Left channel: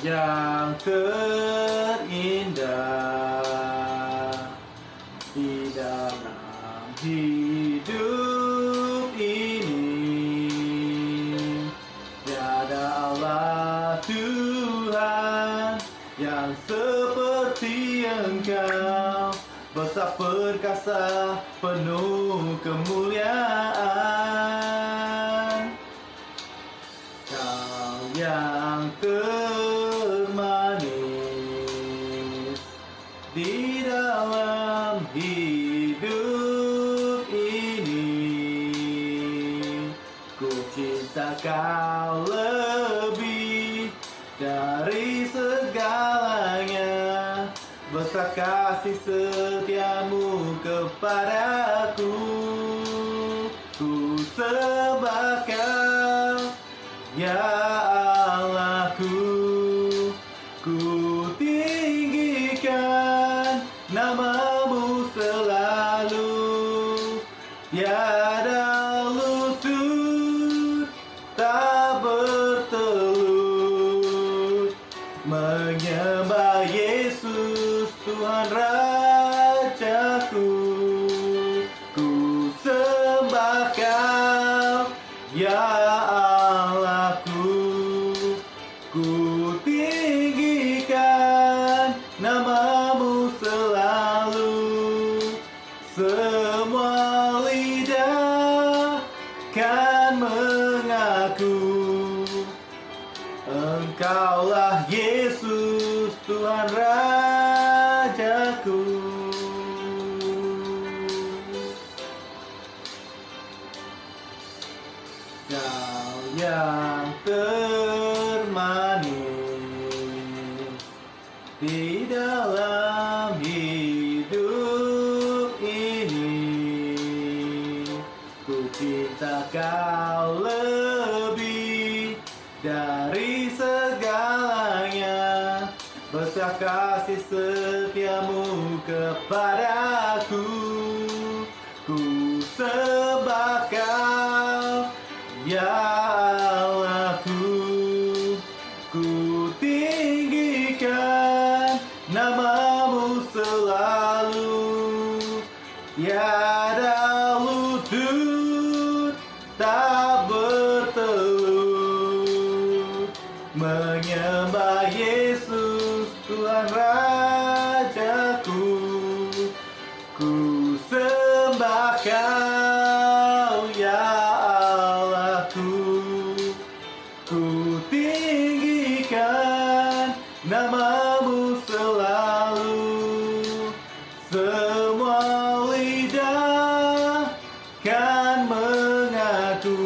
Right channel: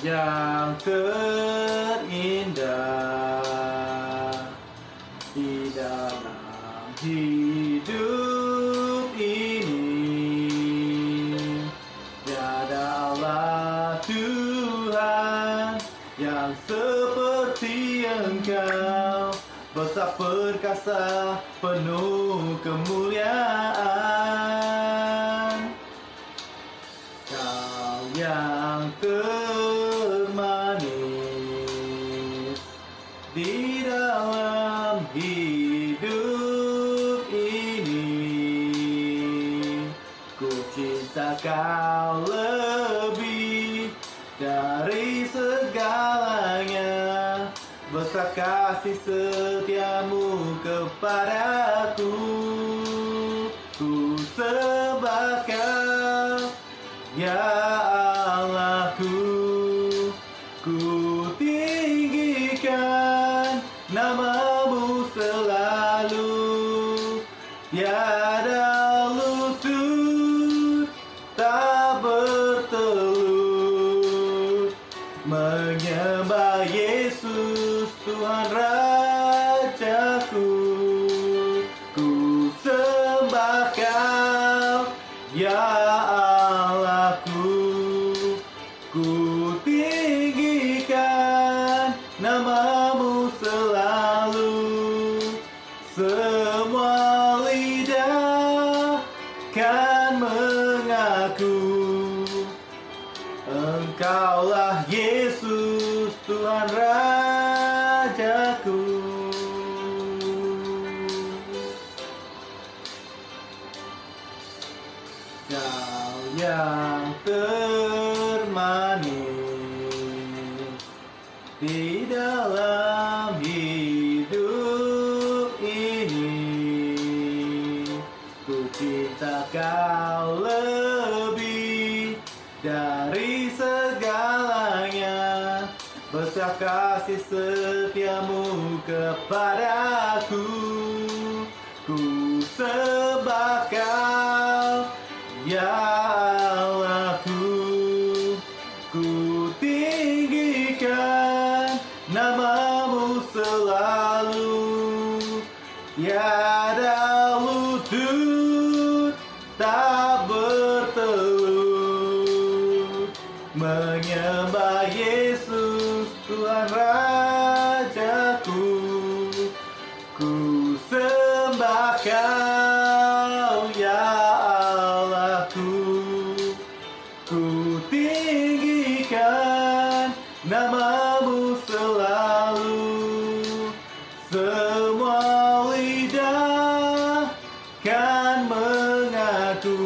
yang terindah di dalam hidup ini. Tiada Allah Tuhan yang seperti Engkau, besar perkasa penuh kemuliaan. Kau yang termanis di dalam hidup ini. Ku cinta Kau lebih dari segalanya, besar kasih setiamu kepadaku. Ku sembah Kau, ya Allahku. Ku tinggikan nama-Mu selalu, tiada lutut tak bertelut menyembah Yesus Tuhan Rajaku. Ku sembah Kau, ya Allahku. Ku tinggikan nama-Mu selalu, semua lidah kan mengaku Engkaulah Yesus Tuhan Rajaku. Kau yang termanis di dalam hidup ini. Ku cinta Kau lebih dari segalanya, besar kasih setiamu kepadaku. Ku sembah Kau, ya Allahku. Ku tinggikan nama-Mu selalu, tiada lutut tak bertelut menyembah Yesus Tuhan Rajaku. Ku sembah Kau, ya Allahku. Ku tinggikan nama-Mu selalu, semua lidah kan mengaku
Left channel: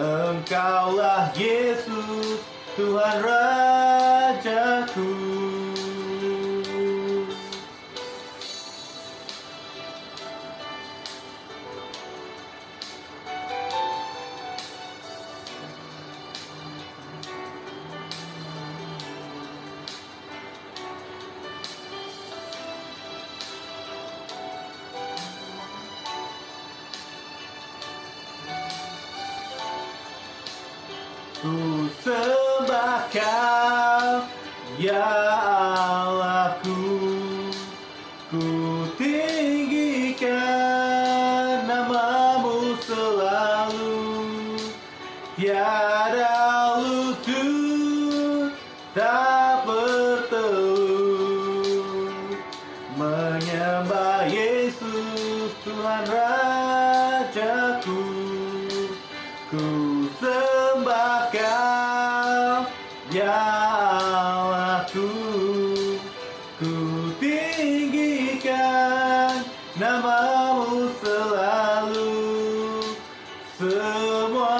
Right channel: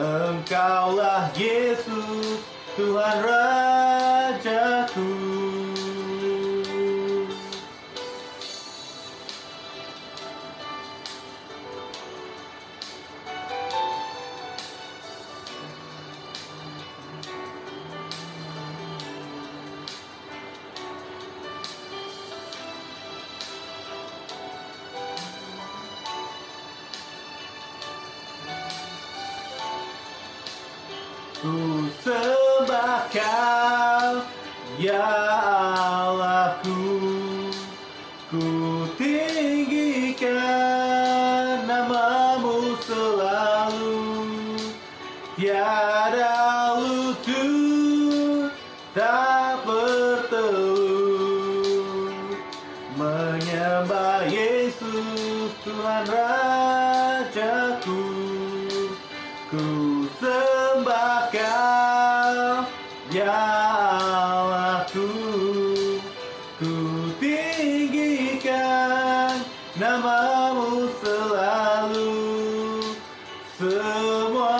Engkaulah Yesus Tuhan Rajaku. Ku sembah Kau, ya Allahku. Ku tinggikan nama-Mu selalu, tiada lutut tak bertelut menyembah Yesus Tuhan Rajaku. Ku sembah Kau, ya Allahku. Ku tinggikan nama-Mu selalu, semua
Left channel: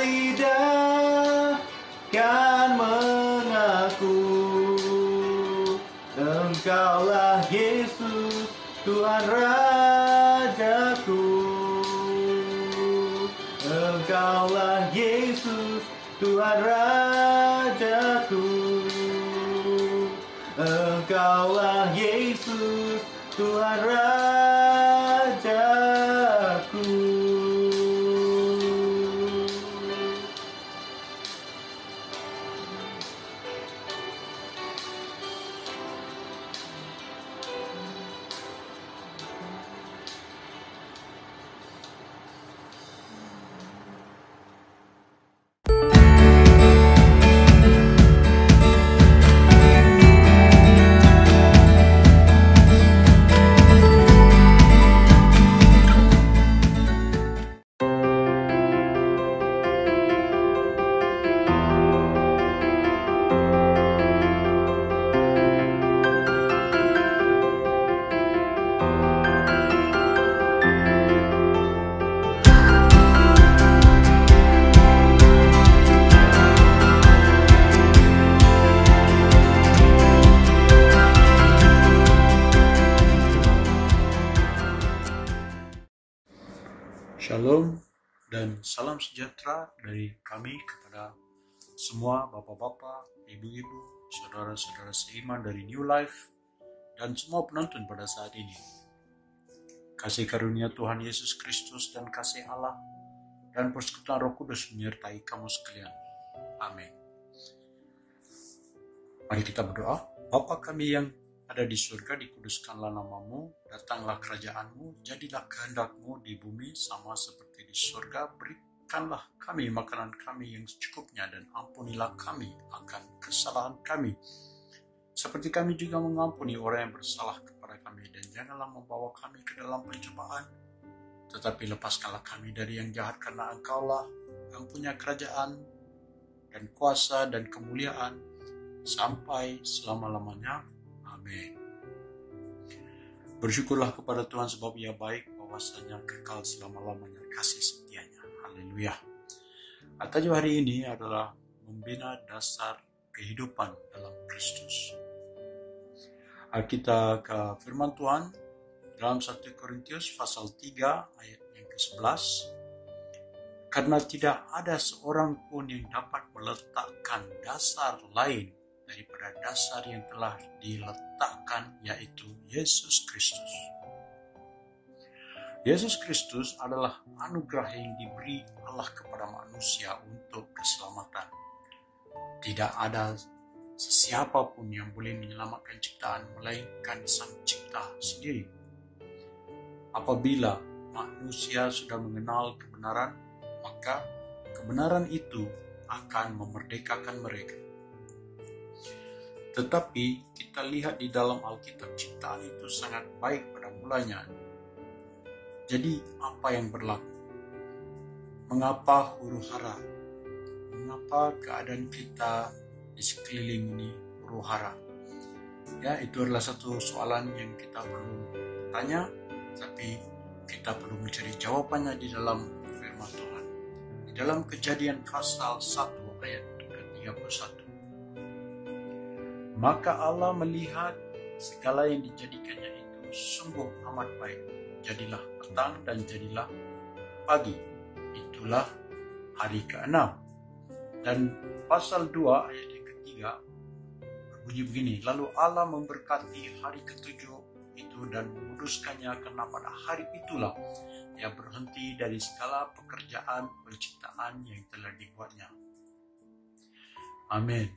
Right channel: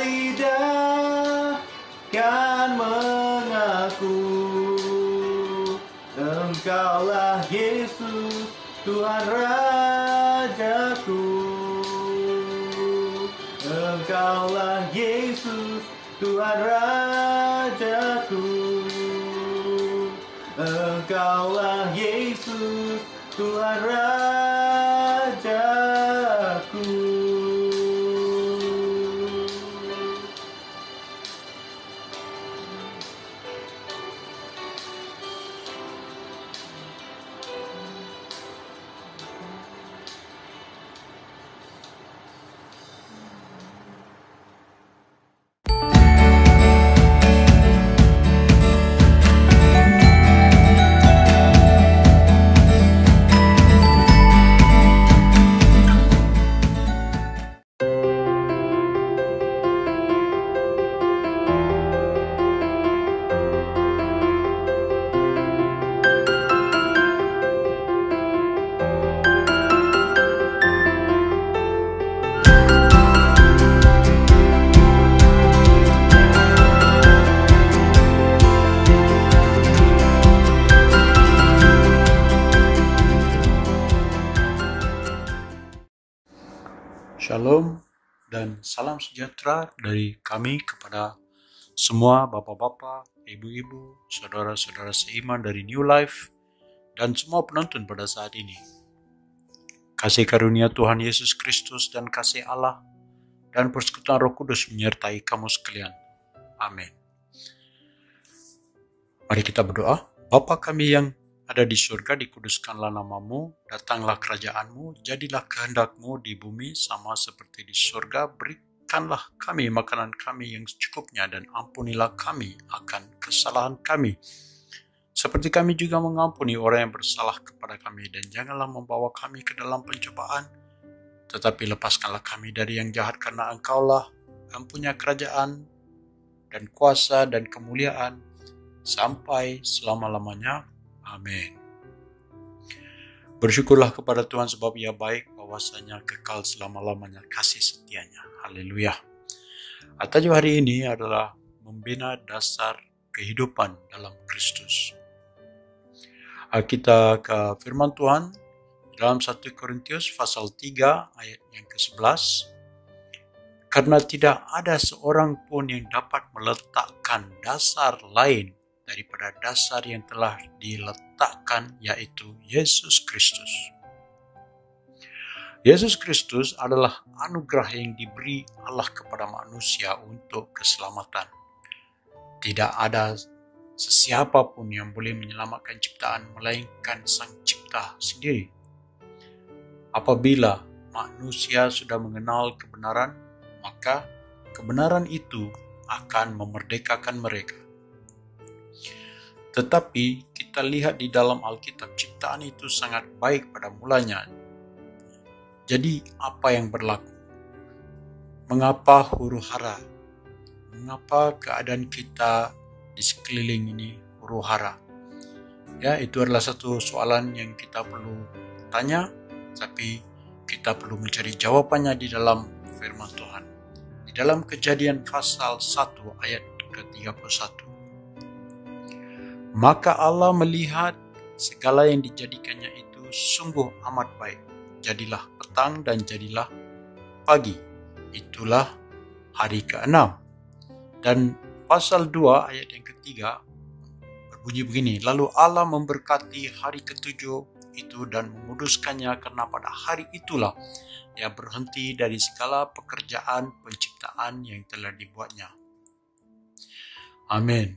lidah kan mengaku Engkaulah Yesus Tuhan Rajaku. Engkaulah Yesus Tuhan Rajaku. Engkaulah Yesus Tuhan Rajaku. dan salam sejahtera dari kami kepada semua bapak-bapak, ibu-ibu, saudara-saudara seiman dari New Life, dan semua penonton pada saat ini. Kasih karunia Tuhan Yesus Kristus dan kasih Allah dan persekutuan Roh Kudus menyertai kamu sekalian. Amin. Mari kita berdoa. Bapa kami yang ada di surga, dikuduskanlah namamu, datanglah kerajaanmu, jadilah kehendakmu di bumi sama seperti di surga. Berikanlah kami makanan kami yang secukupnya dan ampunilah kami akan kesalahan kami, seperti kami juga mengampuni orang yang bersalah kepada kami. Dan janganlah membawa kami ke dalam pencobaan, tetapi lepaskanlah kami dari yang jahat, karena Engkaulah yang punya kerajaan dan kuasa dan kemuliaan sampai selama-lamanya. Amin. Bersyukurlah kepada Tuhan sebab Ia baik, bahwasanya kekal selama-lamanya kasih setianya. Haleluya. Tajuk hari ini adalah membina dasar kehidupan dalam Kristus. Kita ke firman Tuhan dalam 1 Korintus pasal 3 ayat yang ke-11. Karena tidak ada seorang pun yang dapat meletakkan dasar lain daripada dasar yang telah diletakkan, yaitu Yesus Kristus. Yesus Kristus adalah anugerah yang diberi Allah kepada manusia untuk keselamatan. Tidak ada sesiapa pun yang boleh menyelamatkan ciptaan melainkan Sang Cipta sendiri. Apabila manusia sudah mengenal kebenaran, maka kebenaran itu akan memerdekakan mereka. Tetapi kita lihat di dalam Alkitab, ciptaan itu sangat baik pada mulanya. Jadi apa yang berlaku? Mengapa huru-hara? Mengapa keadaan kita di sekeliling ini huru-hara? Ya, itu adalah satu soalan yang kita perlu tanya, tapi kita perlu mencari jawabannya di dalam firman Tuhan. Di dalam Kejadian pasal 1 ayat ke-31. Maka Allah melihat segala yang dijadikannya itu sungguh amat baik. Jadilah petang dan jadilah pagi. Itulah hari ke-6. Dan pasal 2 ayat yang ketiga berbunyi begini. Lalu Allah memberkati hari ke-7 itu dan memuduskannya, karena pada hari itulah Ia berhenti dari segala pekerjaan penciptaan yang telah dibuatnya. Amin.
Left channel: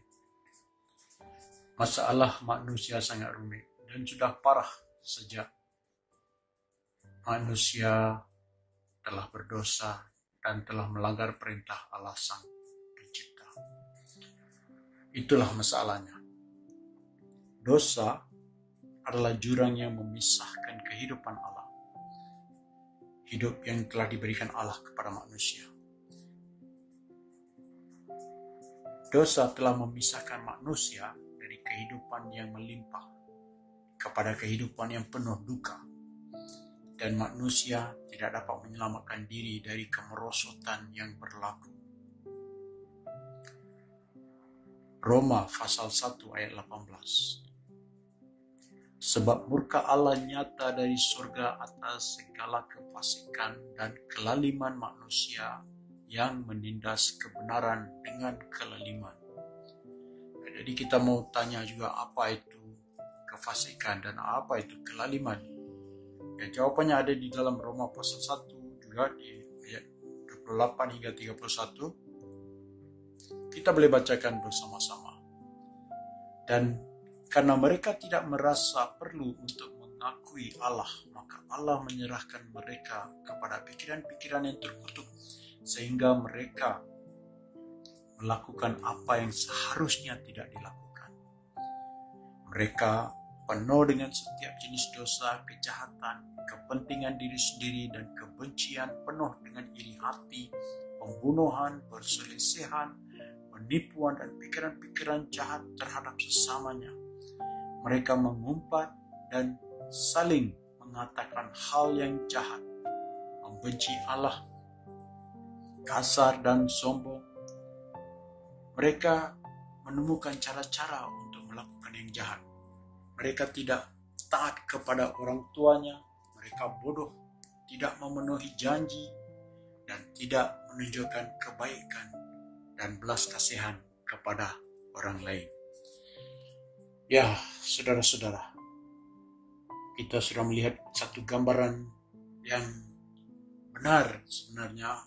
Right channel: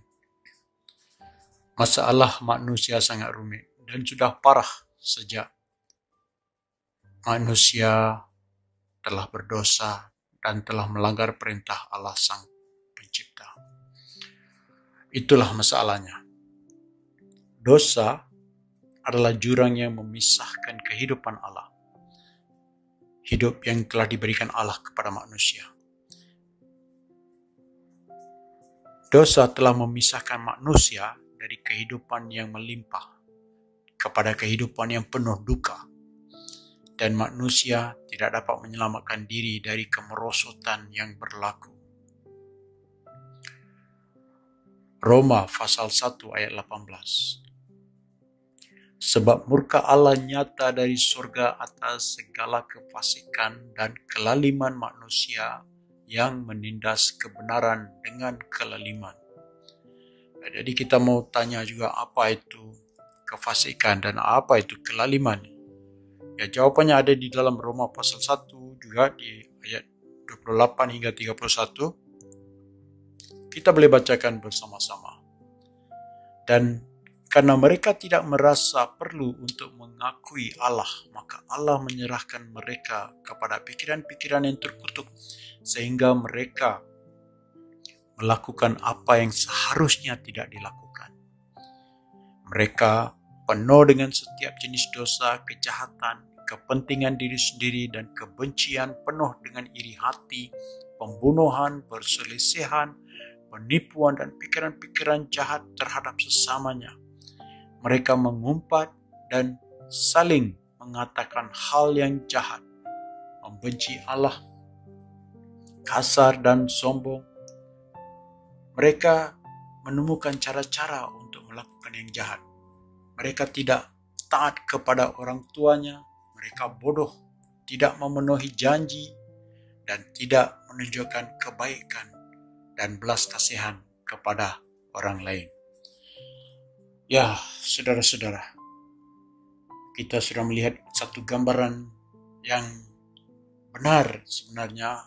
Masalah manusia sangat rumit dan sudah parah sejak manusia telah berdosa dan telah melanggar perintah Allah Sang Pencipta. Itulah masalahnya. Dosa adalah jurang yang memisahkan kehidupan Allah. Hidup yang telah diberikan Allah kepada manusia. Dosa telah memisahkan manusia dari kehidupan yang melimpah kepada kehidupan yang penuh duka, dan manusia tidak dapat menyelamatkan diri dari kemerosotan yang berlaku. Roma pasal 1 ayat 18. Sebab murka Allah nyata dari surga atas segala kefasikan dan kelaliman manusia yang menindas kebenaran dengan kelaliman. Jadi kita mau tanya juga, apa itu kefasikan dan apa itu kelaliman? Ya, jawabannya ada di dalam Roma pasal 1 juga di ayat 28 hingga 31. Kita boleh bacakan bersama-sama. Dan karena mereka tidak merasa perlu untuk mengakui Allah, maka Allah menyerahkan mereka kepada pikiran-pikiran yang terkutuk, sehingga mereka melakukan apa yang seharusnya tidak dilakukan. Mereka penuh dengan setiap jenis dosa, kejahatan, kepentingan diri sendiri, dan kebencian, penuh dengan iri hati, pembunuhan, perselisihan, penipuan, dan pikiran-pikiran jahat terhadap sesamanya. Mereka mengumpat dan saling mengatakan hal yang jahat, membenci Allah, kasar dan sombong. Mereka menemukan cara-cara untuk melakukan yang jahat. Mereka tidak taat kepada orang tuanya. Mereka bodoh, tidak memenuhi janji. dan tidak menunjukkan kebaikan dan belas kasihan kepada orang lain. Ya, saudara-saudara, kita sudah melihat satu gambaran yang benar sebenarnya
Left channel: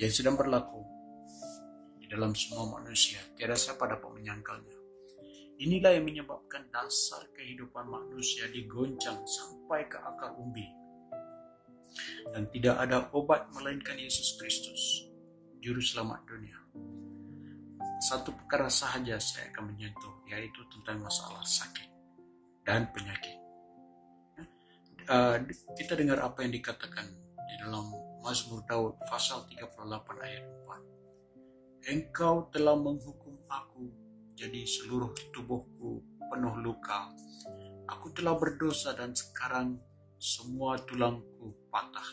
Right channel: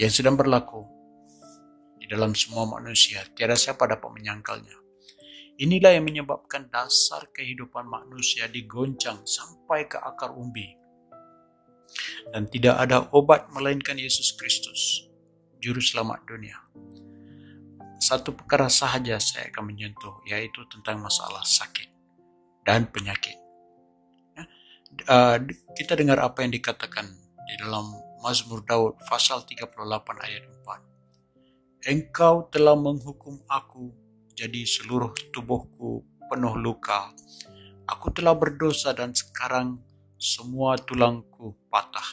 yang sedang berlaku di dalam semua manusia. Tiada siapa dapat menyangkalnya. Inilah yang menyebabkan dasar kehidupan manusia digoncang sampai ke akar umbi. Dan tidak ada obat melainkan Yesus Kristus, Juru Selamat dunia. Satu perkara sahaja saya akan menyentuh, yaitu tentang masalah sakit dan penyakit. Kita dengar apa yang dikatakan di dalam Mazmur Daud pasal 38 ayat 4. Engkau telah menghukum aku, jadi seluruh tubuhku penuh luka. Aku telah berdosa dan sekarang semua tulangku patah.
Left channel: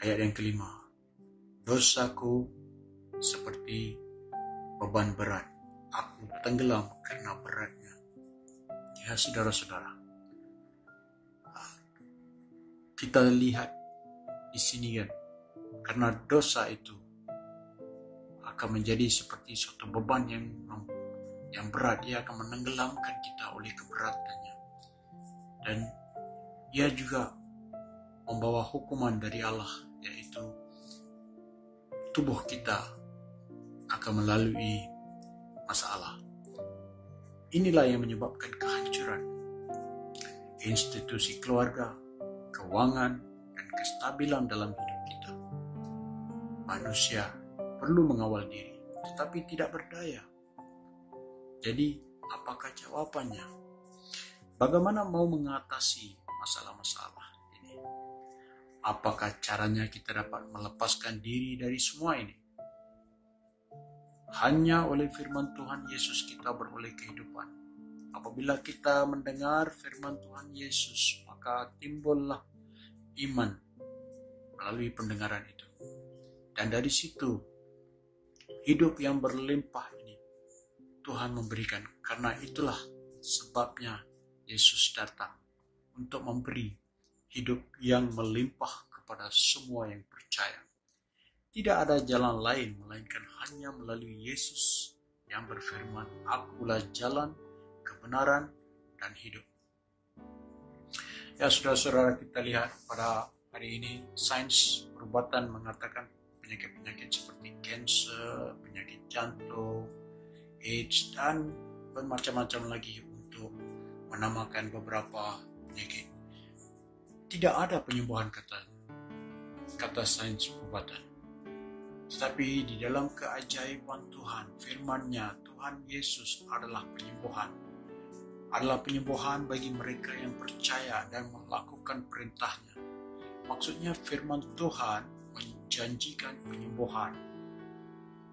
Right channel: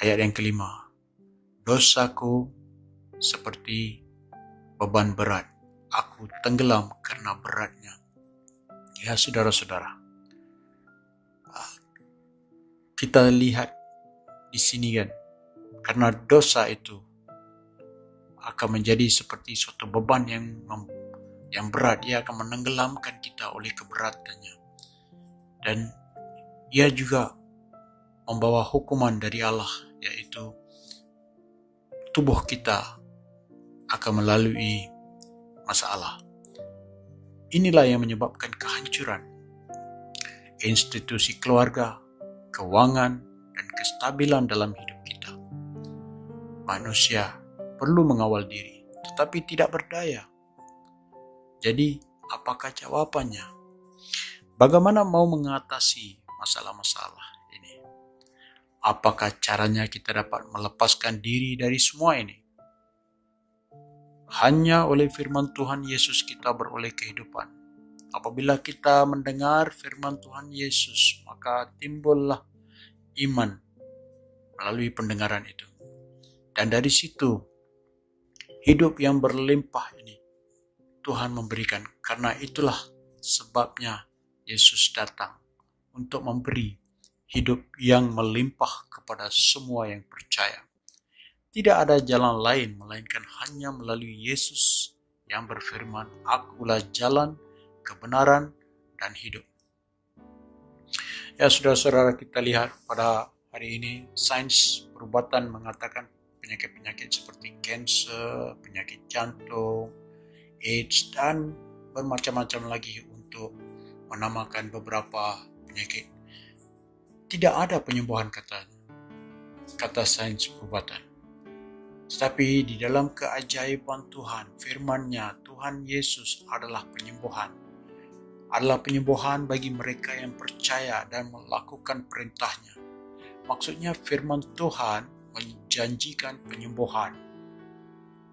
Ayat yang kelima. Dosaku seperti beban berat. Aku tenggelam karena beratnya. Ya, saudara-saudara, kita lihat di sini kan, karena dosa itu akan menjadi seperti suatu beban yang berat. Ia akan menenggelamkan kita oleh keberatannya, dan ia juga membawa hukuman dari Allah, yaitu tubuh kita akan melalui masalah. Inilah yang menyebabkan kehancuran institusi keluarga, keuangan, dan kestabilan dalam hidup kita. Manusia perlu mengawal diri, tetapi tidak berdaya. Jadi, apakah jawabannya? Bagaimana mau mengatasi masalah-masalah ini? Apakah caranya kita dapat melepaskan diri dari semua ini? Hanya oleh firman Tuhan Yesus kita beroleh kehidupan. Apabila kita mendengar firman Tuhan Yesus, maka timbullah iman melalui pendengaran itu. Dan dari situ, hidup yang berlimpah ini Tuhan memberikan. Karena itulah sebabnya Yesus datang untuk memberi hidup yang melimpah kepada semua yang percaya. Tidak ada jalan lain melainkan hanya melalui Yesus yang berfirman, "Akulah jalan, kebenaran, dan hidup." Ya, saudara-saudara, kita lihat pada hari ini sains perubatan mengatakan penyakit-penyakit seperti kanker, penyakit jantung, AIDS, dan bermacam-macam lagi untuk menamakan beberapa penyakit. Tidak ada penyembuhan kata sains perubatan. Tetapi di dalam keajaiban Tuhan, firman-Nya, Tuhan Yesus adalah penyembuhan. Adalah penyembuhan bagi mereka yang percaya dan melakukan perintah-Nya. Maksudnya firman Tuhan menjanjikan penyembuhan.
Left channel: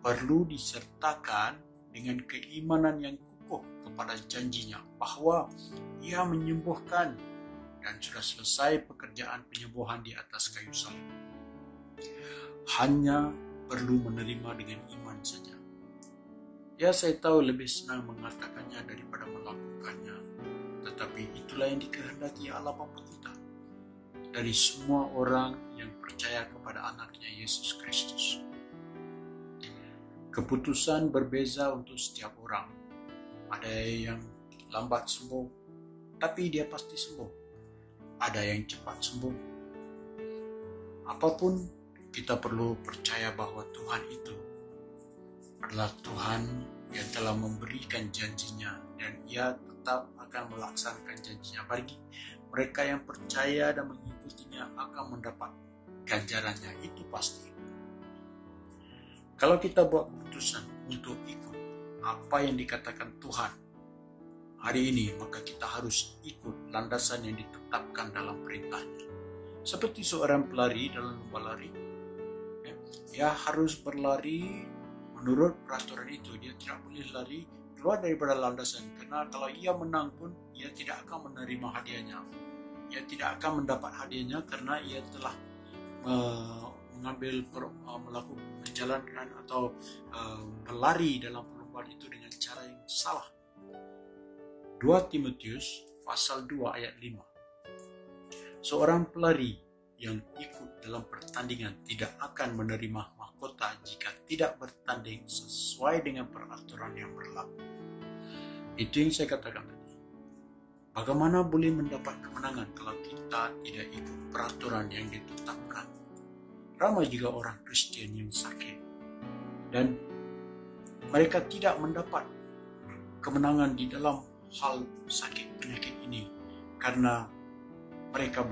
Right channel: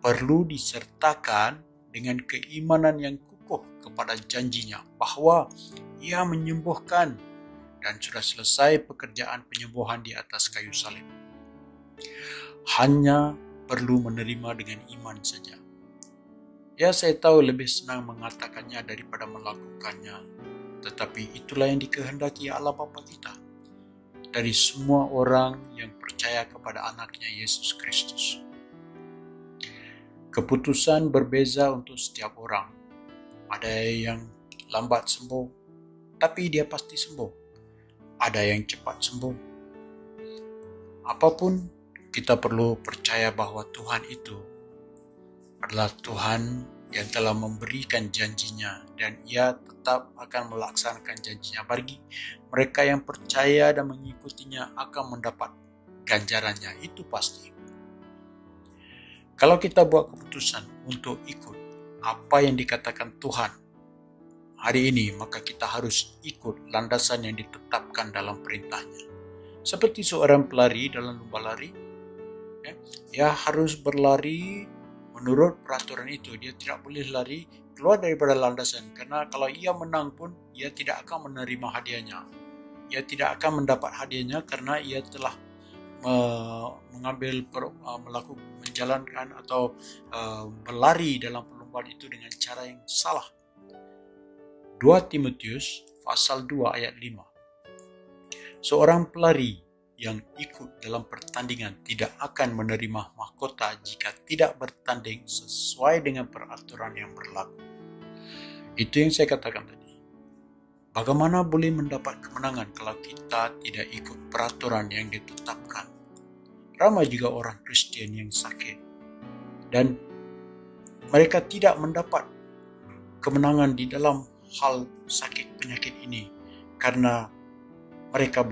Perlu disertakan dengan keimanan yang kukuh kepada janjinya bahwa Ia menyembuhkan dan sudah selesai pekerjaan penyembuhan di atas kayu salib. Hanya perlu menerima dengan iman saja. Ya, saya tahu lebih senang mengatakannya daripada melakukannya. Tetapi itulah yang dikehendaki Allah Bapa kita dari semua orang yang percaya kepada anaknya Yesus Kristus. Keputusan berbeza untuk setiap orang. Ada yang lambat sembuh, tapi dia pasti sembuh. Ada yang cepat sembuh. Apapun, kita perlu percaya bahwa Tuhan itu adalah Tuhan yang telah memberikan janjinya dan Ia tetap akan melaksanakan janjinya. Bagi mereka yang percaya dan mengikutinya akan mendapat ganjarannya, itu pasti. Kalau kita buat keputusan untuk ikut apa yang dikatakan Tuhan hari ini, maka kita harus ikut landasan yang ditetapkan dalam perintahnya. Seperti seorang pelari dalam lomba lari, dia harus berlari menurut peraturan itu. Dia tidak boleh lari keluar daripada landasan, karena kalau ia menang pun ia tidak akan menerima hadiahnya. Ia tidak akan mendapat hadiahnya karena ia telah menjalankan atau berlari dalam perlombaan itu dengan cara yang salah. 2 Timotius pasal 2 ayat 5. Seorang pelari yang ikut dalam pertandingan tidak akan menerima mahkota jika tidak bertanding sesuai dengan peraturan yang berlaku. Itu yang saya katakan tadi. Bagaimana boleh mendapat kemenangan kalau kita tidak ikut peraturan yang ditetapkan? Ramai juga orang Kristen yang sakit dan mereka tidak mendapat kemenangan di dalam hal sakit penyakit ini karena mereka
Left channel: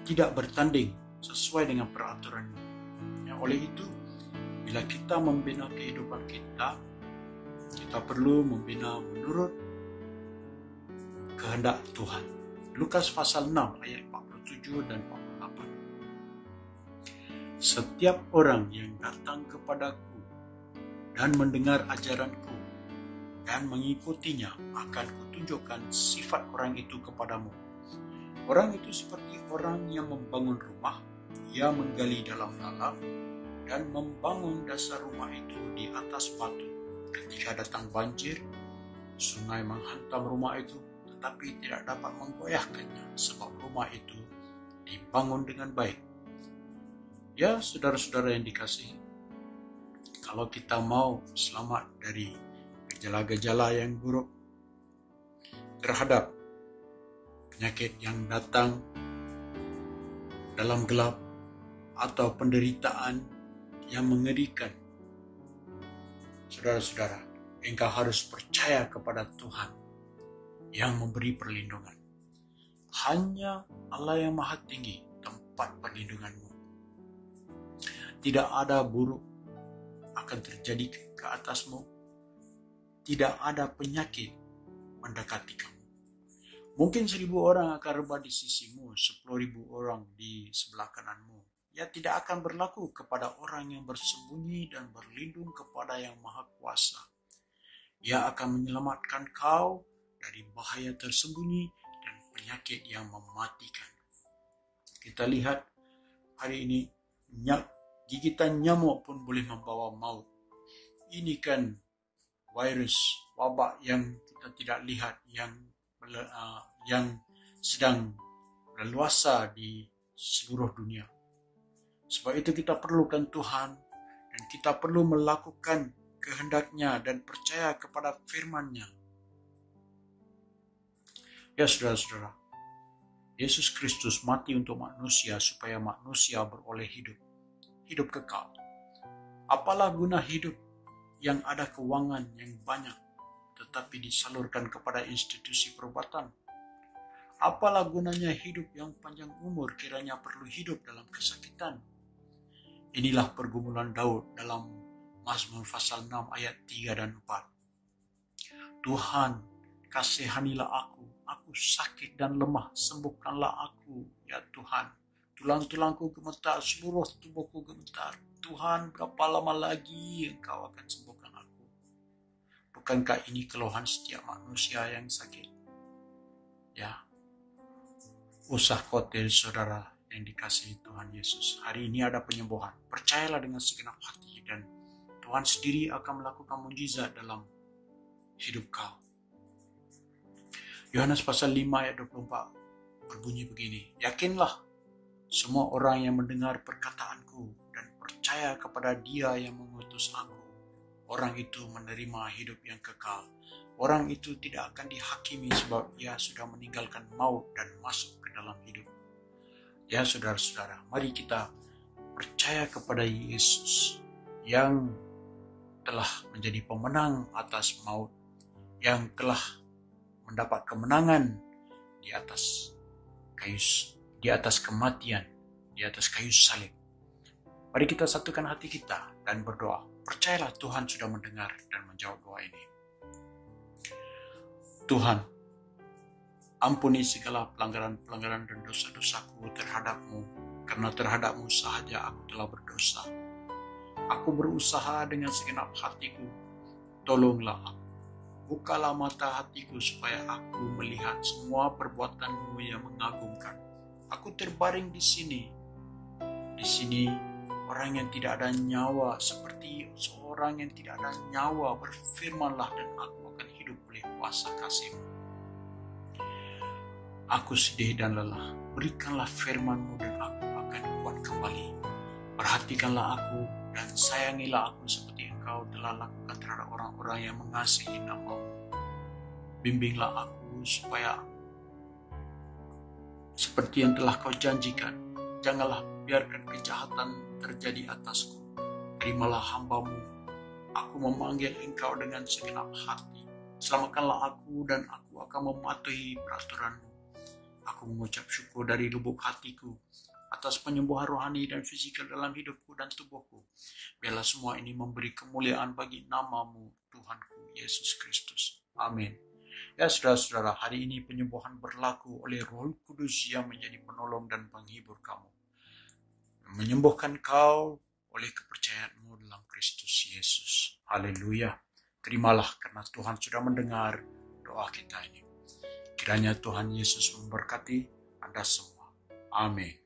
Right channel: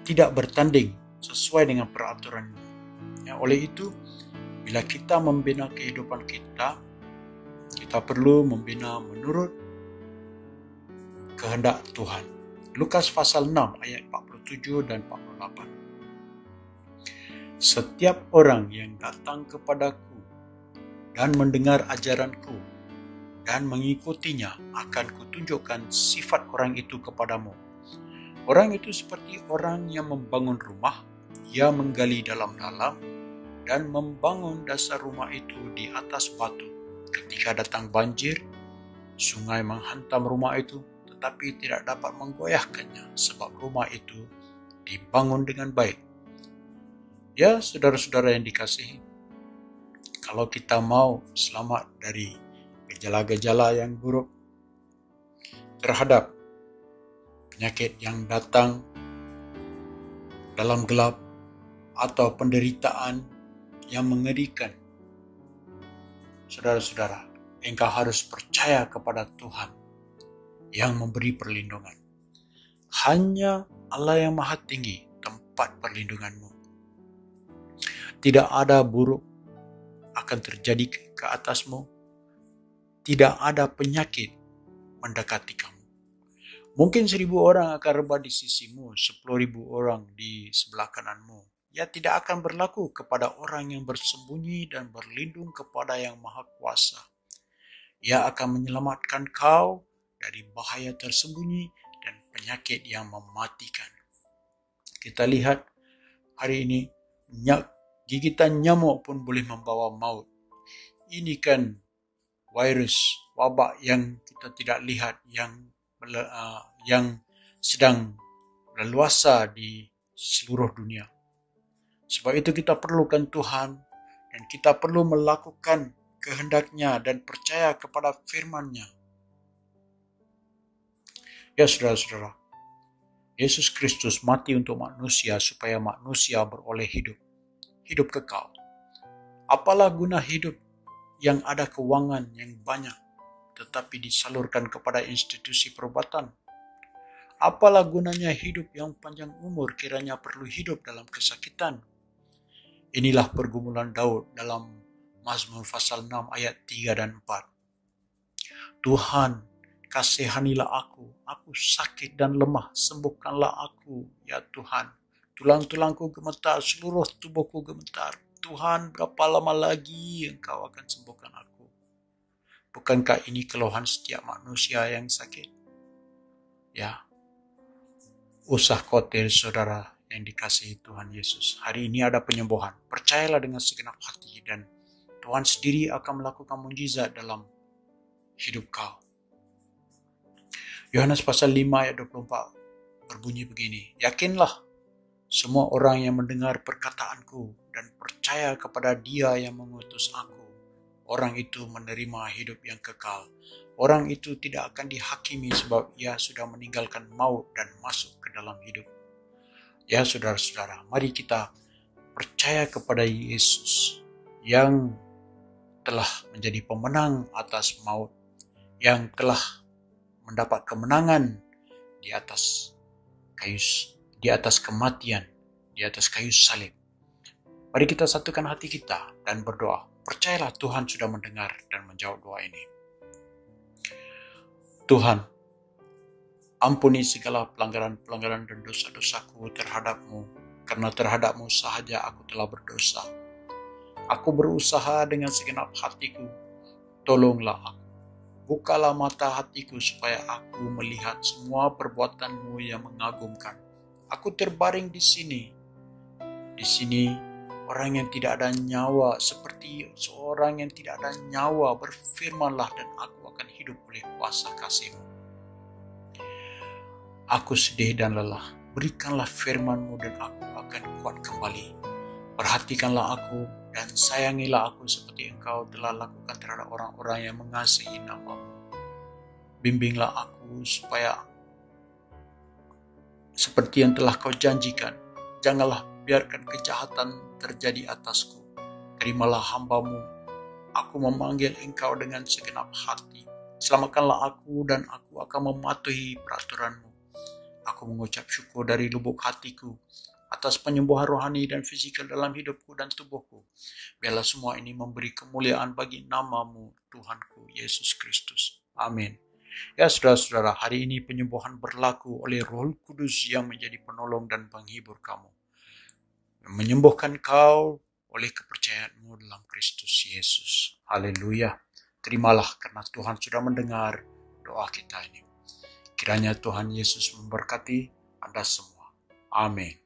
tidak bertanding sesuai dengan peraturan. Ya, oleh itu, bila kita membina kehidupan kita perlu membina menurut kehendak Tuhan. Lukas pasal 6 ayat 47 dan 48. Setiap orang yang datang kepadaku dan mendengar ajaranku dan mengikutinya akan kutunjukkan sifat orang itu kepadamu. Orang itu seperti orang yang membangun rumah, ia menggali dalam-dalam dan membangun dasar rumah itu di atas batu. Ketika datang banjir, sungai menghantam rumah itu, tetapi tidak dapat menggoyahkannya sebab rumah itu dibangun dengan baik. Ya, saudara-saudara yang dikasihi, kalau kita mau selamat dari gejala-gejala yang buruk terhadap penyakit yang datang dalam gelap atau penderitaan yang mengerikan, saudara-saudara, engkau harus percaya kepada Tuhan yang memberi perlindungan. Hanya Allah yang Maha Tinggi tempat perlindunganmu. Tidak ada buruk akan terjadi ke atasmu. Tidak ada penyakit mendekati kamu. Mungkin 1.000 orang akan rebah di sisimu, 10.000 orang di sebelah kananmu. Ya, tidak akan berlaku kepada orang yang bersembunyi dan berlindung kepada yang Maha Kuasa. Ia akan menyelamatkan kau dari bahaya tersembunyi dan penyakit yang mematikan. Kita lihat hari ini, gigitan nyamuk pun boleh membawa maut. Ini kan virus, wabak yang kita tidak lihat, yang sedang leluasa di seluruh dunia. Sebab itu kita perlukan Tuhan dan kita perlu melakukan kehendak-Nya dan percaya kepada firman-Nya. Ya, saudara-saudara, Yesus Kristus mati untuk manusia supaya manusia beroleh hidup kekal. Apalah guna hidup yang ada keuangan yang banyak tetapi disalurkan kepada institusi perubatan? Apalah gunanya hidup yang panjang umur kiranya perlu hidup dalam kesakitan? Inilah pergumulan Daud dalam Mazmur pasal 6 ayat 3 dan 4. Tuhan, kasihanilah aku sakit dan lemah, sembuhkanlah aku, ya Tuhan. Tulang-tulangku gemetar, seluruh tubuhku gemetar. Tuhan, berapa lama lagi Engkau akan sembuhkan aku? Bukankah ini keluhan setiap manusia yang sakit? Ya, usah khawatir saudara yang dikasihi Tuhan Yesus. Hari ini ada penyembuhan. Percayalah dengan segenap hati dan Tuhan sendiri akan melakukan mukjizat dalam hidup kau. Yohanes pasal 5 ayat 24 berbunyi begini. Yakinlah semua orang yang mendengar perkataanku dan percaya kepada Dia yang mengutus aku, orang itu menerima hidup yang kekal. Orang itu tidak akan dihakimi sebab ia sudah meninggalkan maut dan masuk ke dalam hidup. Ya, saudara-saudara, mari kita percaya kepada Yesus yang telah menjadi pemenang atas maut, yang telah mendapat kemenangan di atas kematian, di atas kayu salib. Mari kita satukan hati kita dan berdoa. Percayalah Tuhan sudah mendengar dan menjawab doa ini. Tuhan, ampuni segala pelanggaran-pelanggaran dan dosa-dosaku terhadap-Mu, karena terhadap-Mu sahaja aku telah berdosa. Aku berusaha dengan segenap hatiku, tolonglah aku. Bukalah mata hatiku supaya aku melihat semua perbuatan-Mu yang mengagumkan. Aku terbaring di sini. Di sini orang yang tidak ada nyawa, seperti seorang yang tidak ada nyawa, berfirmanlah dan aku akan hidup oleh kuasa kasih-Mu. Aku sedih dan lelah. berikanlah firman-Mu dan aku akan kuat kembali. Perhatikanlah aku dan sayangilah aku seperti Engkau telah lakukan terhadap orang-orang yang mengasihi nama-Mu. Bimbinglah aku supaya seperti yang telah Kau janjikan, janganlah biarkan kejahatan terjadi atasku. Terimalah hamba-Mu, aku memanggil Engkau dengan segenap hati. Selamatkanlah aku dan aku akan mematuhi peraturan-Mu. Aku mengucap syukur dari lubuk hatiku atas penyembuhan rohani dan fisikal dalam hidupku dan tubuhku. Biarlah semua ini memberi kemuliaan bagi nama-Mu, Tuhanku Yesus Kristus. Amin. Ya saudara-saudara, hari ini penyembuhan berlaku oleh Roh Kudus yang menjadi penolong dan penghibur kamu. Menyembuhkan kau oleh kepercayaanmu dalam Kristus Yesus. Haleluya. Terimalah karena Tuhan sudah mendengar doa kita ini. Kiranya Tuhan Yesus memberkati Anda semua. Amin.